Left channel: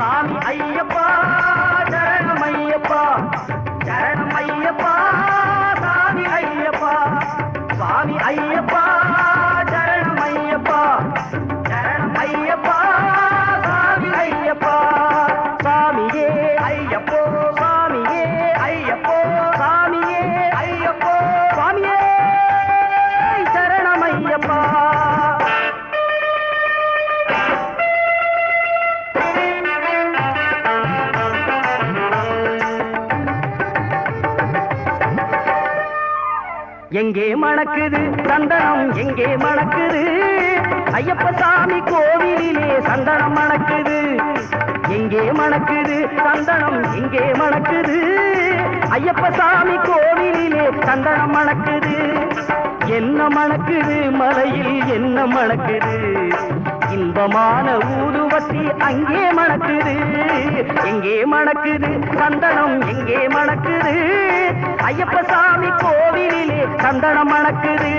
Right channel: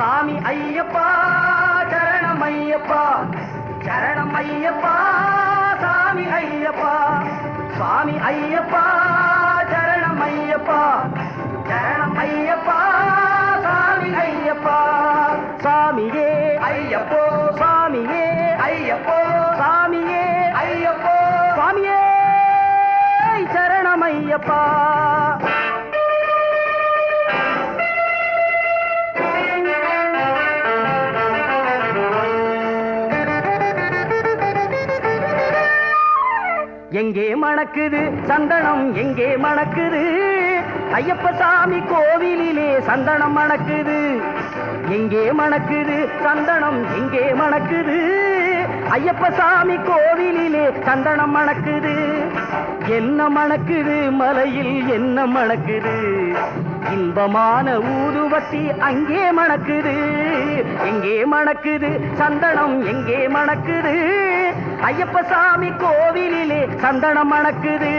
சாமி ஐயப்பா. எங்கே மணக்குது சந்தனம் எங்கே மணக்குது. ஐயப்ப சாமி கோவிலிலே சந்தனம் மணக்குது. எங்கே மணக்குது சந்தனம் எங்கே மணக்குது. ஐயப்ப சாமி கோவிலிலே சந்தனம் மணக்குது. என்ன மணக்குது? மலையில் என்ன மணக்குது? இன்பமான ஊதுவத்தி அங்கே மணக்குது. எங்கே மணக்குது சந்தனம் எங்கே மணக்குது. ஐயப்ப சாமி சந்தனம் மணக்குது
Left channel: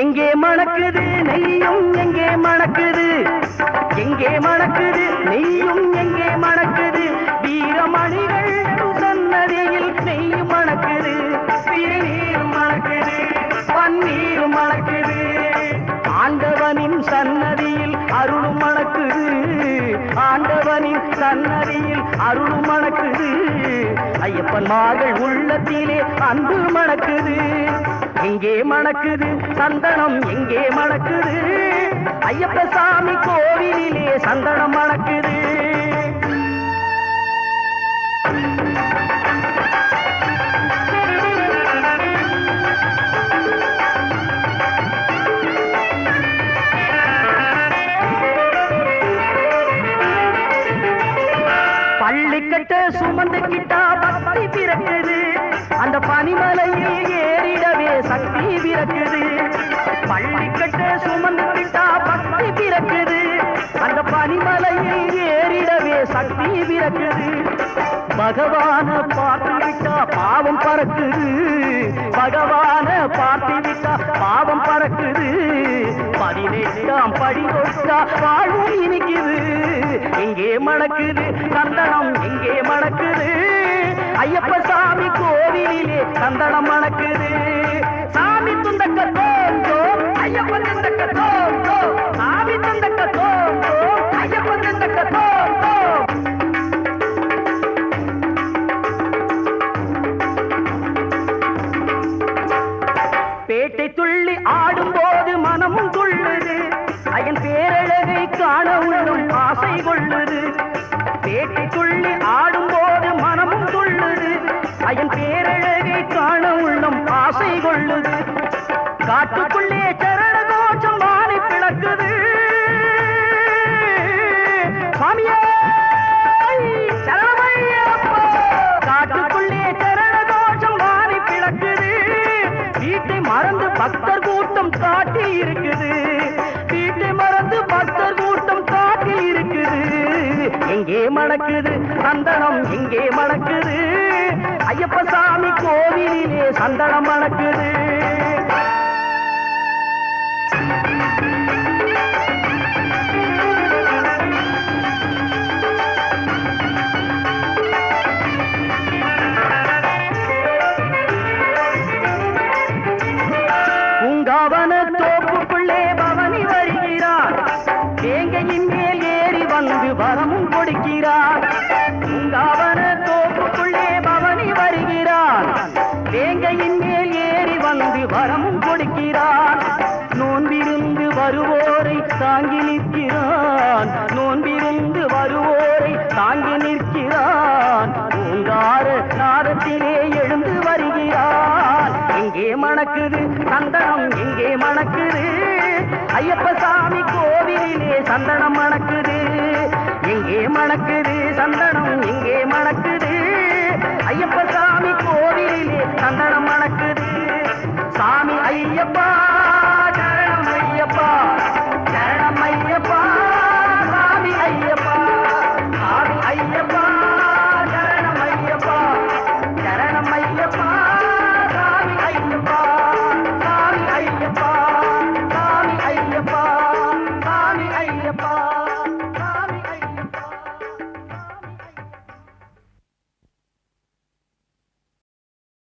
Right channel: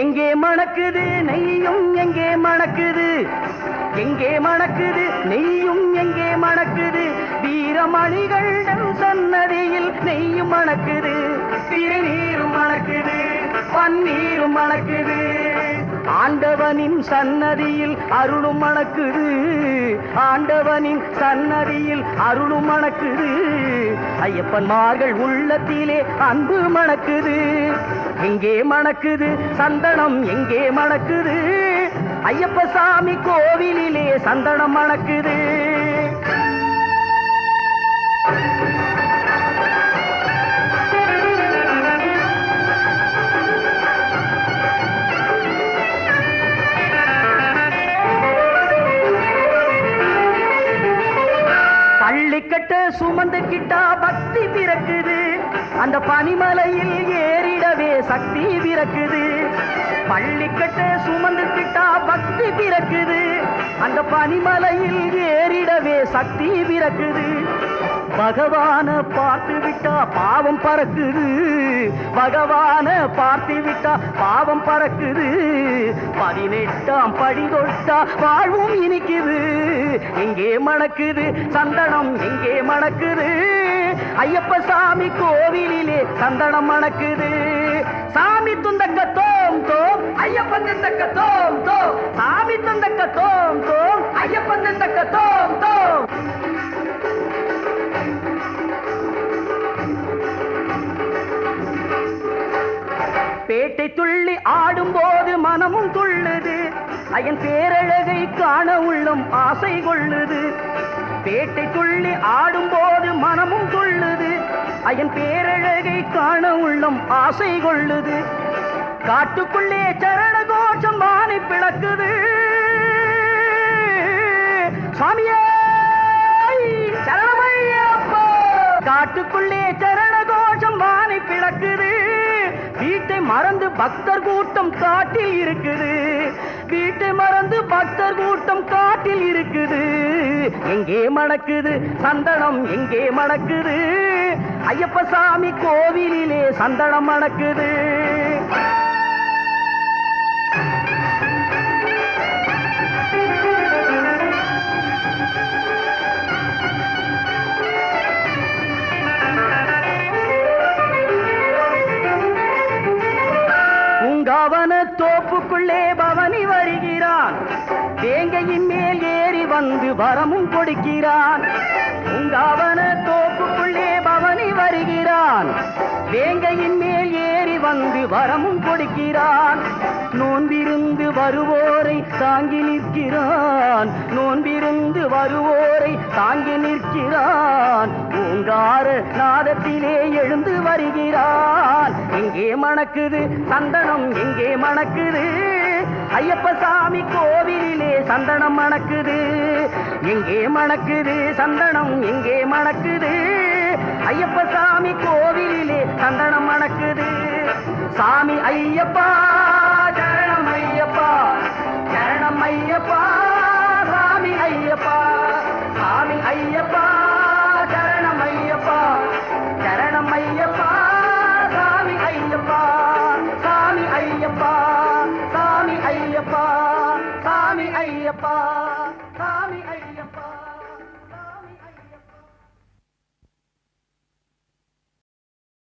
எங்கே மணக்குது நெய்யும் எங்கே மணக்குது? எங்கே மணக்குது நெய்யும் எங்கே மணக்குது? வீரமணிகள் சன்னதியில் நெய்யும் மணக்குது திருநீரும் மணக்குது பன்னீரும் மணக்குது. ஆண்டவனின் சன்னதியில் அருளும் மணக்குது. ஆண்டவனின் சன்னதியில் அருளும் மணக்குது. ஐயப்பன் மார்கள் உள்ளத்திலே அன்பு மணக்குது. எங்கே மணக்குது சந்தனம் எங்கே மணக்குது. ஐயப்ப சாமி கோவிலிலே சந்தனம் மணக்குது. சக்தி பிறக்குது பள்ளிக்கட்ட சுமந்துக்கிட்டா பக்தி பிறக்குது. அந்த பனிமலையில் ஏறிடவே சக்தி பிறக்குது. பகவான பார்த்துவிட்டா பாவம் பறக்குது. பகவான பார்த்துவிட்டா பாவம் பறக்குது. பதினெட்டாம் படி தொட்டா வாழ்வும் இனிக்குது. இங்கே மணக்குது சந்தனம் இங்கே மணக்குது. ஐயப்ப சாமி கோவிலே சந்தனம் மணக்குது. சாமி துந்தக்க தோம் தோம் ஐயப்பன் துந்தக்க தோம் தோம் சாமி துந்தக்க தோம் பேட்டை துள்ளி ஆடும்போது மனமும் துள்ளுது. அயன் பேரழகை காண உள்ளும் ஆசை கொள்ளுது. பேட்டை துள்ளி ஆடும்போது மனமும் துள்ளுது. அயன் பேரழகை காண உள்ளும் ஆசை கொள்ளுது. காட்டுக்குள்ளே சரண கோஷம் வானை பிளக்குது. சாமியே காட்டுக்குள்ளே சரண கோஷம் வானை பிளக்குது. வீட்டை மறந்து பக்தர் கூட்டம் காட்டி இருக்குது. வீட்டை மறந்து பக்தர் கூட்டம் காட்டி இருக்குது. எங்கே மணக்குது சந்தனம் எங்கே மணக்குது ஐயப்ப சாமி கோவிலே சந்தனம் மணக்குது வரமும் கொடுக்கிறார் நோன்பிருந்து வருவோரை தாங்கி நிற்கிறான். நோன்பிருந்து வருவோரை தாங்கி நிற்கிறான். பூங்கார நாதத்திலே எழுந்து வருகிறான். எங்கே மணக்குது சந்தனம் எங்கே மணக்குது. ஐயப்ப சாமி கோவிலே சந்தனம் மணக்குது. எங்கே மணக்குது சந்தனம்.